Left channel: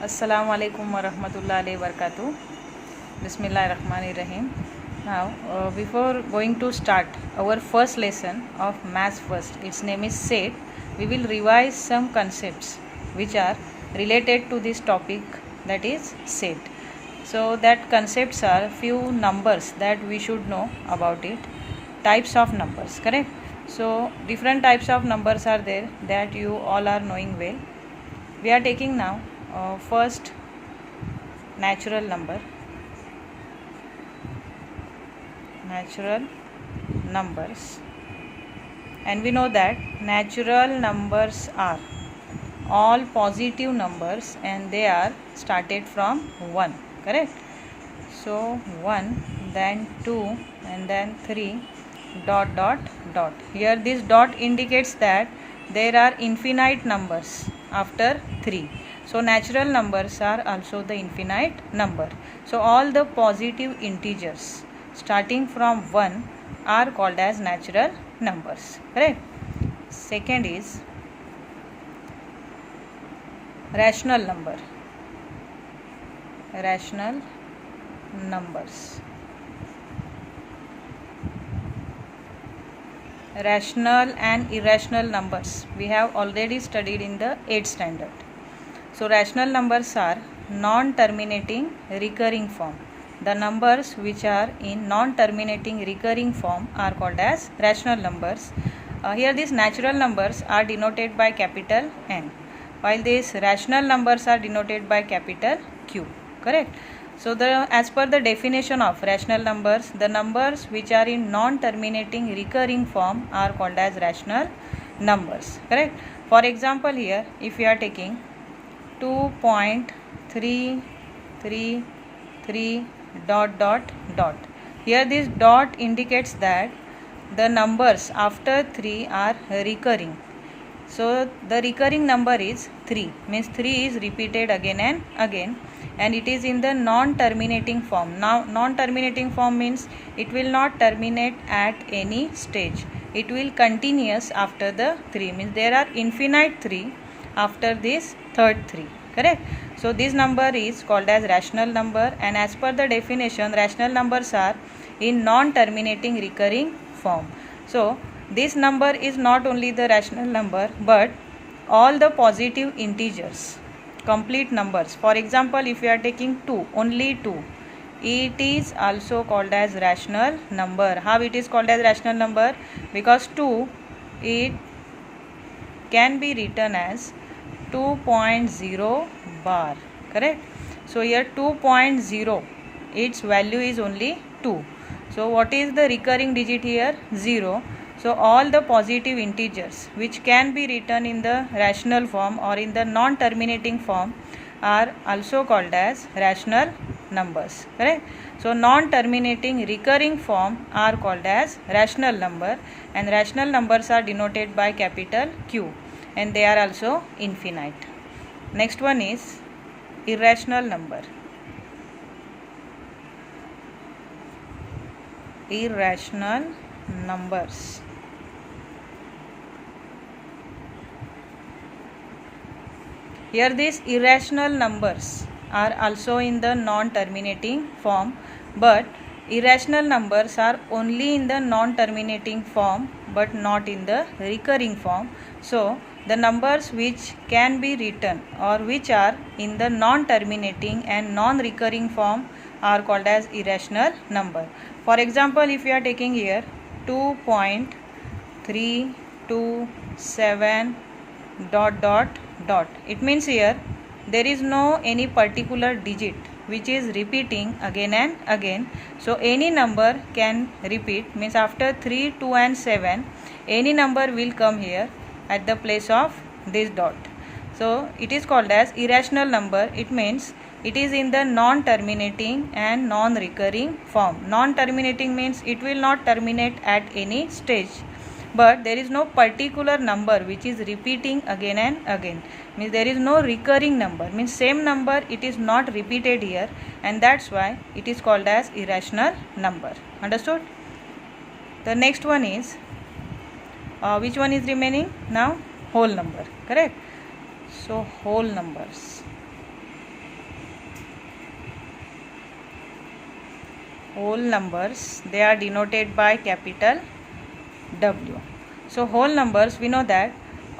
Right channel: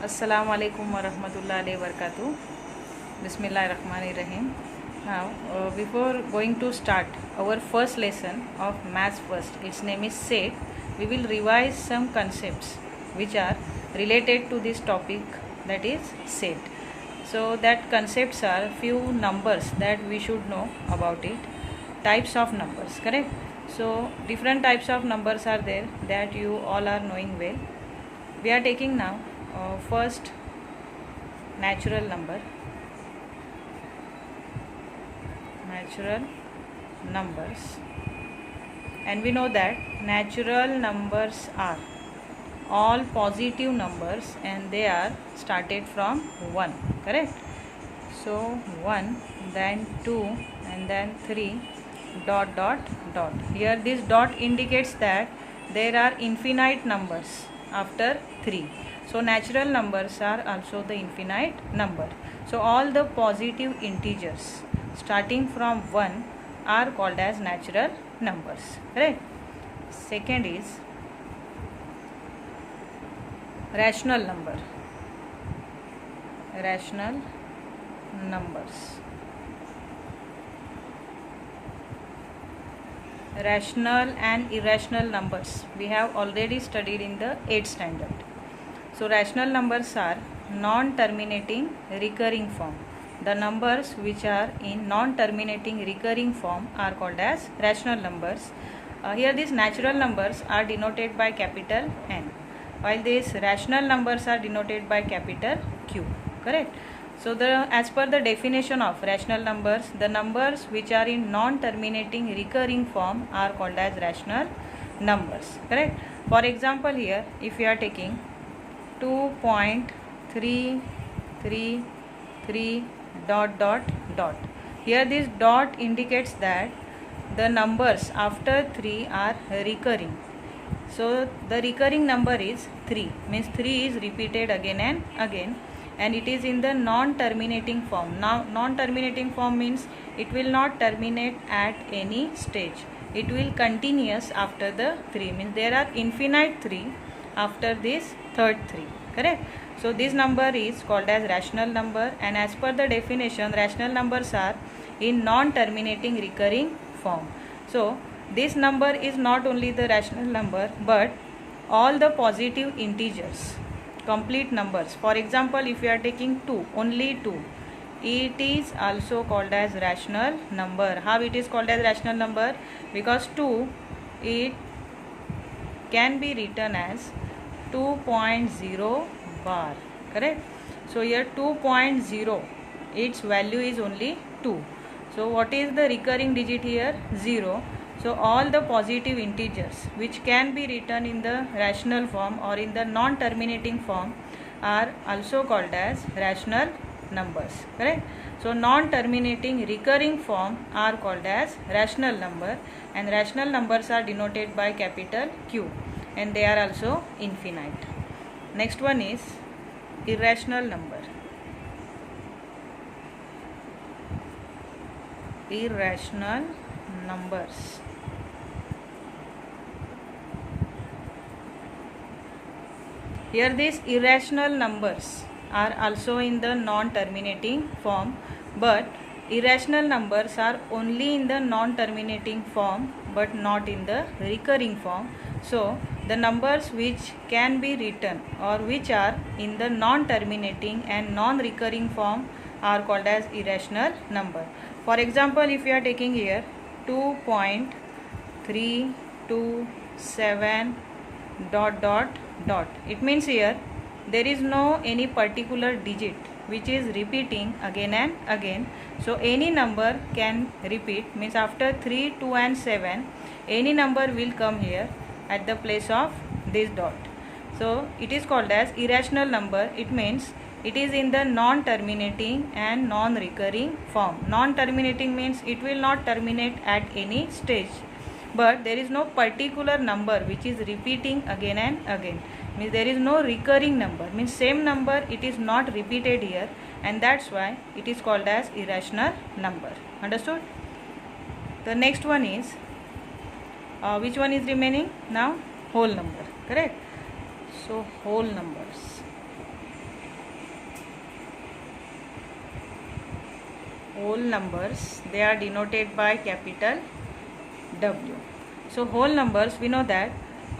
Assalamu alaikum wa rahmatullahi wa barakatuh. Bismillahirrahmanirrahim. Now, before going to start our first lesson of Maths First, its name is set, we will revise some concepts which are related to this topic, that is set. So, that concepts are few numbers that we should know about it, types of numbers, correct? So, different types of numbers are there that you all are knowing well. We are taking now first natural number. Natural numbers, and we know that natural numbers are all positive numbers and they are started from 1, correct? So 1, then 2, and then 3, dot dot dot. Here this dot indicates that there are infinite numbers after 3. So natural numbers are also the infinite number. So all the positive integers starting from 1 are called as natural numbers, correct? Second is rational number. Rational numbers. Rational and irrational numbers we have already studied in the 8th standard. So rational numbers are non-terminating recurring form. The numbers which are in non-terminating recurring form are called as rational numbers. Here these natural numbers are denoted by capital N, while these rational numbers are denoted by capital Q, correct? So as per the definition of rational numbers, the numbers which are in non-terminating recurring form are called as rational numbers, correct? For example, here if you are taking 2.333 dot dot dot, here this dot indicates that the numbers after 3 are recurring. So the recurring number is 3, means 3 is repeated again and again, and it is in the non-terminating form. Now non-terminating form means it will not terminate at any stage, it will continuous after the 3, means there are infinite 3 after this third 3, correct? So this number is called as rational number, and as per the definition, rational numbers are in non-terminating recurring form. So this number is not only the rational number but all the positive integers, complete numbers. For example, if you are taking 2, only 2, it is also called as rational number. How it is called as rational number? Because 2, it can be written as 2.0 bar, correct? So here 2.0, its value is only 2. So what is the recurring digit here? 0. So all the positive integers which can be written in the rational form or in the non-terminating form are also called as rational numbers, correct? So non-terminating recurring form are called as rational number, and rational numbers are denoted by capital Q, and they are also infinite. Next one is irrational number. Irrational numbers. Here these irrational numbers are also in the non-terminating form, but irrational numbers are only in the non-terminating form but not in the recurring form. So the numbers which can be written or which are in the non-terminating and non-recurring form are called as irrational number. For example, if you are taking here 2.327 dot dot dot, it means here there is no any particular digit which is repeating again and again. So any number can repeat, means after 3, 2 and 7 any number will come here at the place of this dot. So it is called as irrational number. It means it is in the non-terminating and non-recurring form. Non-terminating means it will not terminate at any stage, but there is no particular number which is repeating again and again, means there is no recurring number, means same number it is not repeated here, and that's why it is called as irrational number. Understood? The next one is which one is remaining now? Whole number, correct? So whole numbers. whole numbers, they are denoted by capital W. So whole numbers, we know that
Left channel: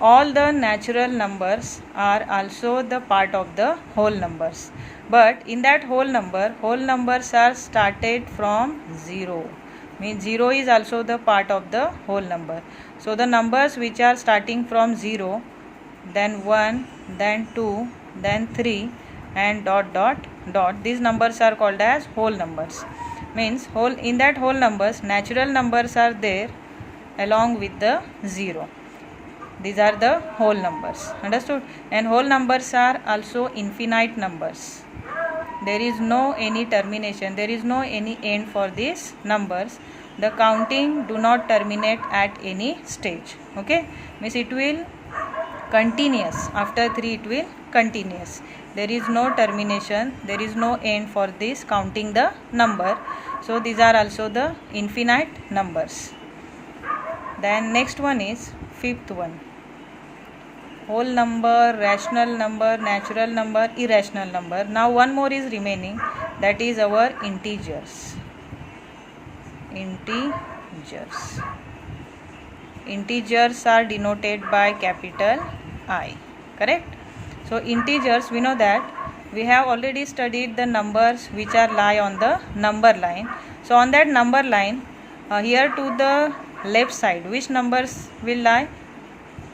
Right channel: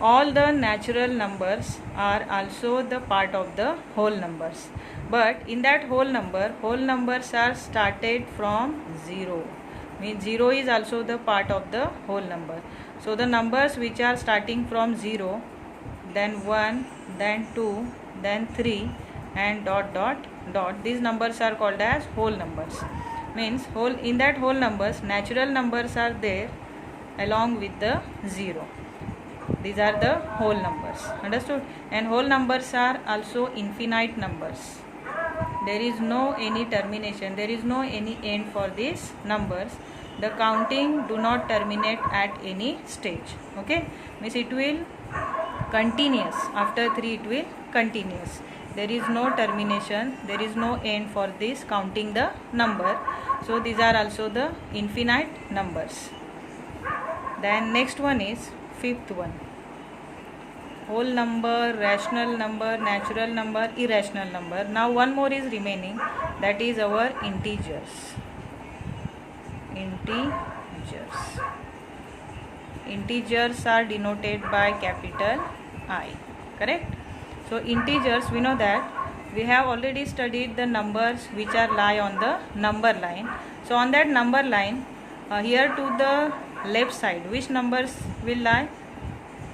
all the natural numbers are also the part of the whole numbers, but in that whole numbers are started from 0, means 0 is also the part of the whole number. So the numbers which are starting from 0, then 1, then 2, then 3, and dot dot dot, these numbers are called as whole numbers. Means whole, in that whole numbers, natural numbers are there along with the 0. These are the whole numbers, understood? And whole numbers are also infinite numbers. There is no any termination, there is no any end for these numbers. The counting do not terminate at any stage. Okay, means it will continuous, after 3 it will continuous. There is no termination, there is no end for this counting the number. So these are also the infinite numbers. Then next one is fifth one, whole number, rational number, natural number, irrational number. Now one more is remaining, that is our integers. Integers are denoted by capital I, correct? So integers, we know that we have already studied the numbers which are lie on the number line. So on that number line, here to the left side, which numbers will lie?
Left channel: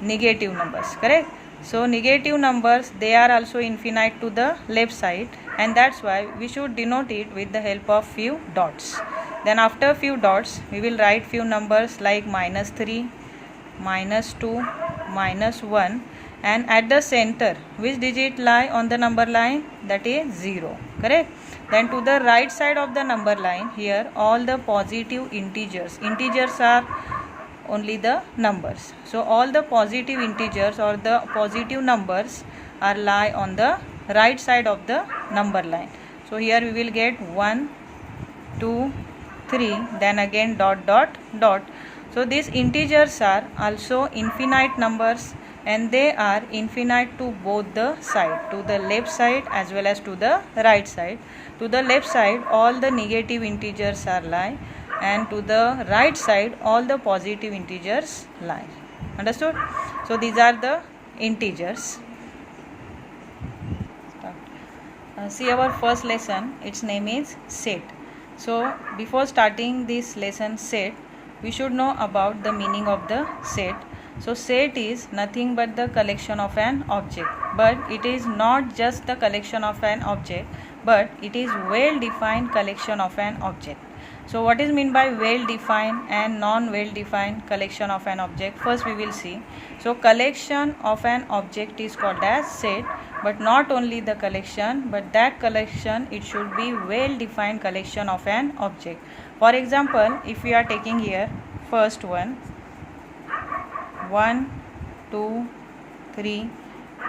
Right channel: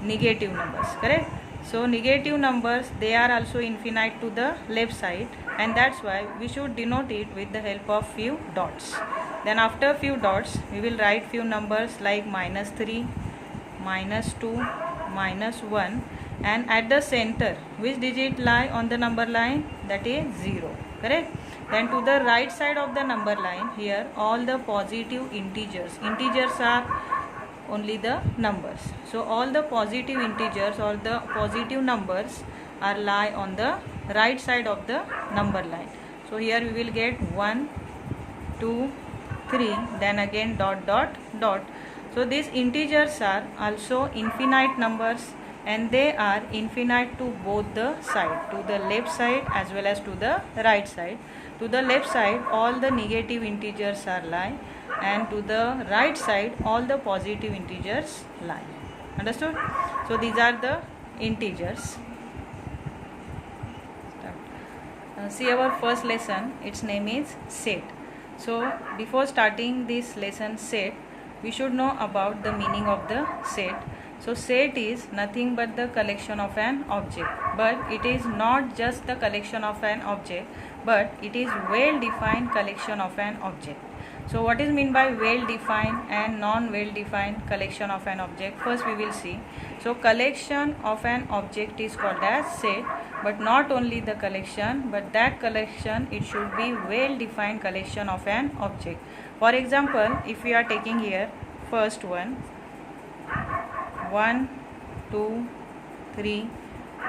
Negative numbers, correct? So negative numbers, they are also infinite to the left side, and that's why we should denote it with the help of few dots. Then after few dots, we will write few numbers like -3, -2, -1, and at the center, which digit lie on the number line? That is 0, correct? Then to the right side of the number line, here all the positive integers are only the numbers. So all the positive integers or the positive numbers are lie on the right side of the number line. So here we will get 1, 2, 3, then again dot dot dot. So these integers are also infinite numbers, and they are infinite to both the side, to the left side as well as to the right side. To the left side all the negative integers are lie, and to the right side all the positive integers lie, understood? So these are the integers. See our first lesson, its name is set. So before starting this lesson set, we should know about the meaning of the set. So set is nothing but the collection of an object, but it is not just the collection of an object, but it is well defined collection of an object. So what is meant by well defined and non well defined collection of an object? First we will see. So collection of an object is called as set, but not only the collection, but that collection, it should be well defined collection of an object. For example, if we are taking here first one, 1, 2, 3,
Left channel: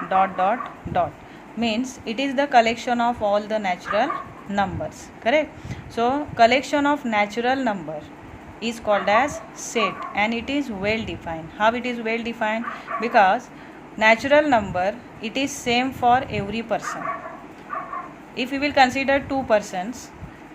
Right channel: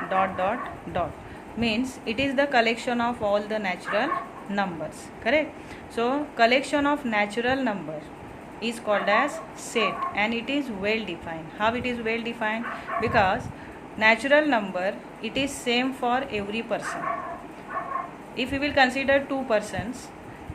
dot dot dot, means it is the collection of all the natural numbers, correct? So collection of natural number is called as set, and it is well defined. How it is well defined? Because natural number, it is same for every person. If we will consider two persons,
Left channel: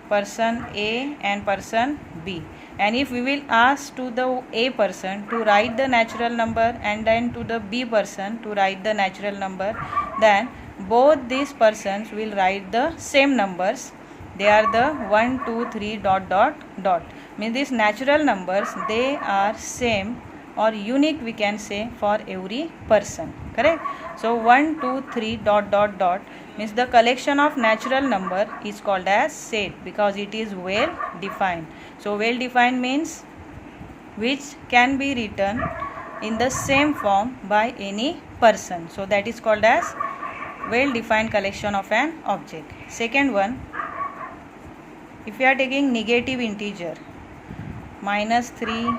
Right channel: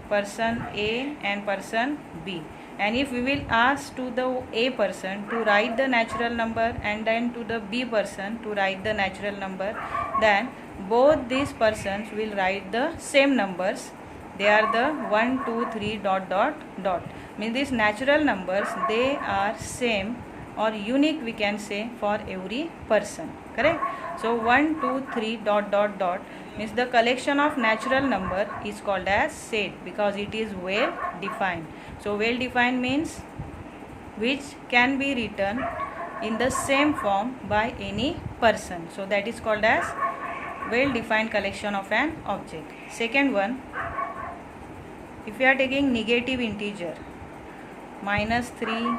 person A and person B, and if we will ask to the A person to write the natural number and then to the B person to write the natural number, then both these persons will write the same numbers. They are the 1, 2, 3, dot dot dot. Means these natural numbers, they are same or unique, we can say, for every person, correct? So 1, 2, 3, dot dot dot means the collection of natural number is called as set, because it is well defined. So well defined means which can be written in the same form by any person. So that is called as well defined collection of an object. Second one, if we are taking negative integer, -3,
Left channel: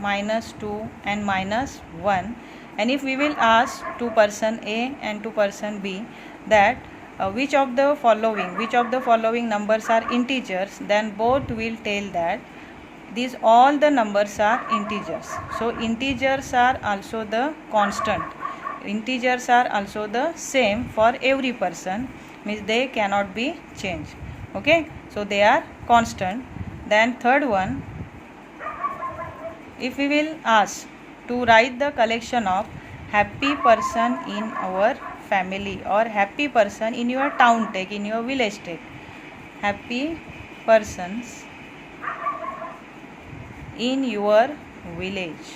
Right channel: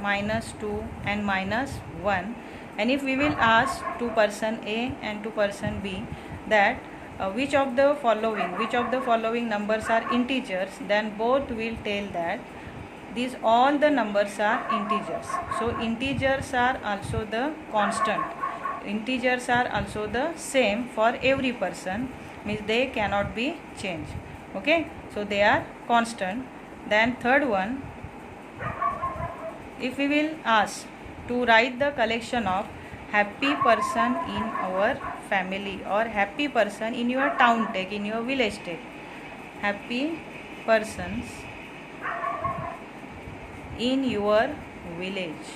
-2 and -1, and if we will ask to person A and to person B that which of the following numbers are integers, then both will tell that these all the numbers are integers. So integers are also the constant, integers are also the same for every person, means they cannot be changed. Okay, so they are constant. Then third one, if we will ask to write the collection of happy person in our family or happy person in your town, take in your village, take happy persons in your village,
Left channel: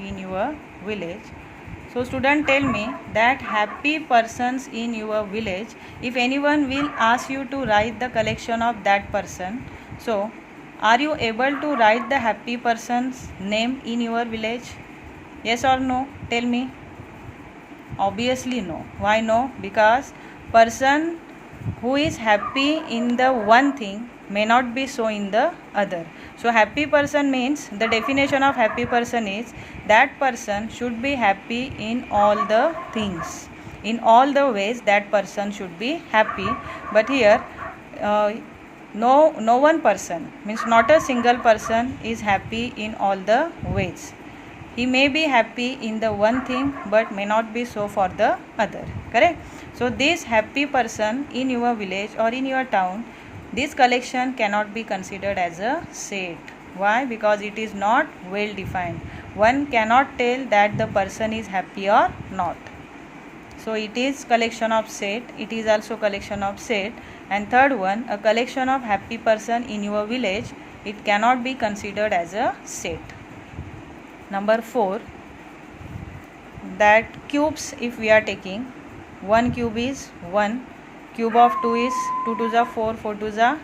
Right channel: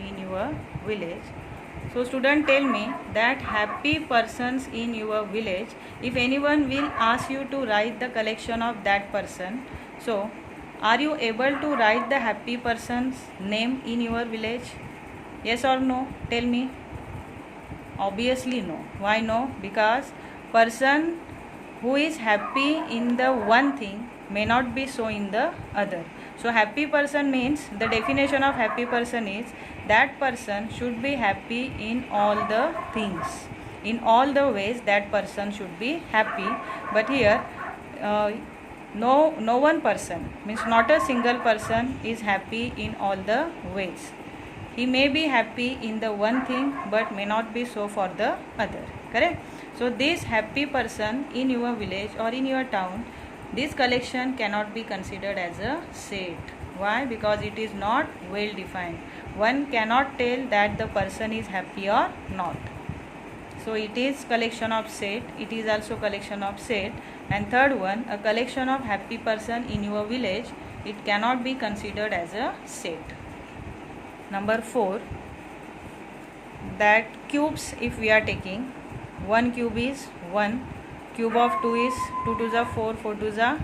in your village. So student, tell me that happy persons in your village, if anyone will ask you to write the collection of that person, so are you able to write the happy person's name in your village? Yes or no? Tell me. Obviously no. Why no? Because person who is happy in the one thing may not be so in the other. So happy person means, the definition of happy person is that person should be happy in all the things, in all the ways that person should be happy. But here no one person means, not a single person is happy in all the ways. He may be happy in the one thing but may not be so for the other. Correct? So this happy person in your village or in your town, this collection cannot be considered as a set. Why? Because it is not well defined. One cannot tell that the person is happy or not. So it is collection of set. It is also collection of set. And third one, a collection of happy person in your village, it cannot be considered as a set. Number 4, that cubes, if we are taking, 1 cube is 1, cube of 2 is 2 2s are 4, 4 2s are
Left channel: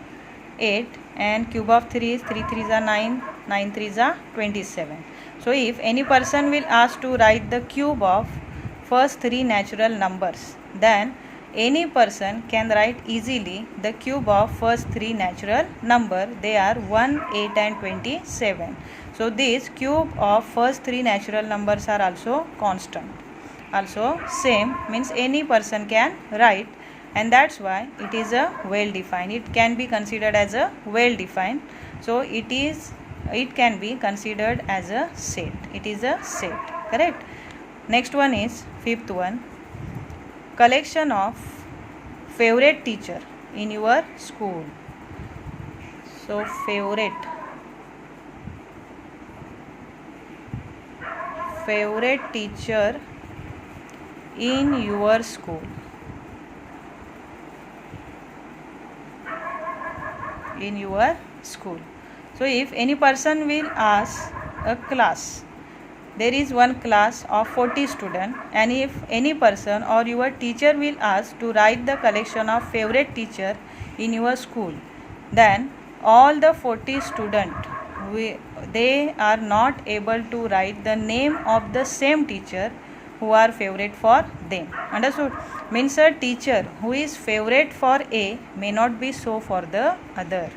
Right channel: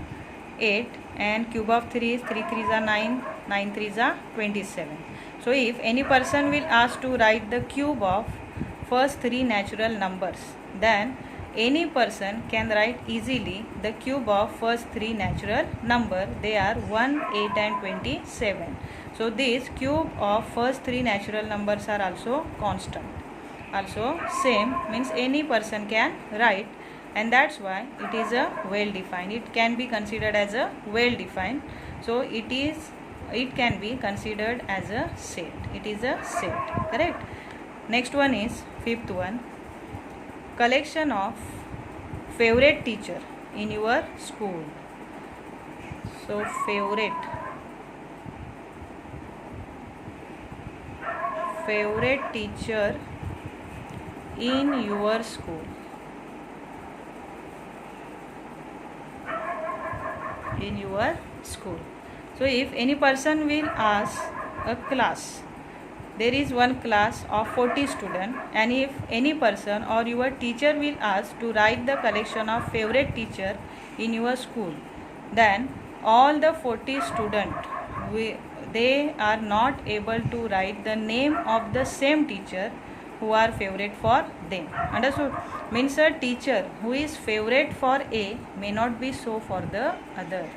8, and cube of 3 is 3 3s are 9, 9 3s are 27. So if any person will ask to write the cube of first 3 natural numbers, then any person can write easily the cube of first 3 natural number. They are 1, 8 and 27. So this cube of first 3 natural numbers are also constant. Also same means any person can write, and that's why it is a well defined. It can be considered as a well defined. So it can be considered as a set. It is a set. Correct? Next one is fifth one, collection of favorite teacher in your school. So favorite teacher in your school. In your school. So if any person will ask a class, there is one class of 40 students, and if any person or your teacher will ask to write the collection of favorite teacher in your school, then all the 40 students, they are not able to write the name of the same teacher who are favorite for them. Understood? Means a teacher who is favorite for A may not be so for the other.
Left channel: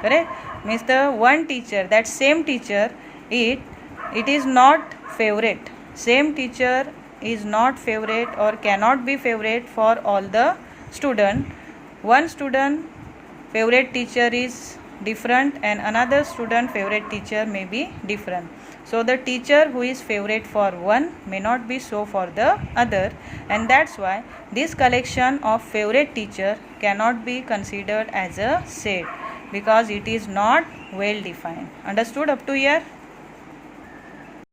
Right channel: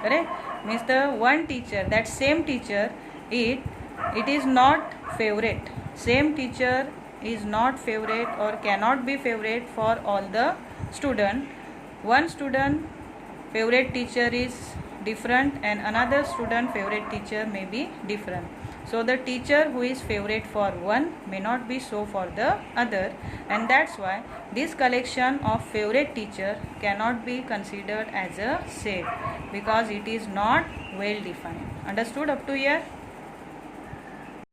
Correct? Means the one teacher, that same teacher, it is not favorite. Same teacher is not favorite or cannot be favorite for all the student. One student favorite teacher is different and another student favorite teacher may be different. So the teacher who is favorite for one may not be so for the other, and that's why this collection of favorite teacher cannot be considered as a set, because it is not well defined. Understood up to here?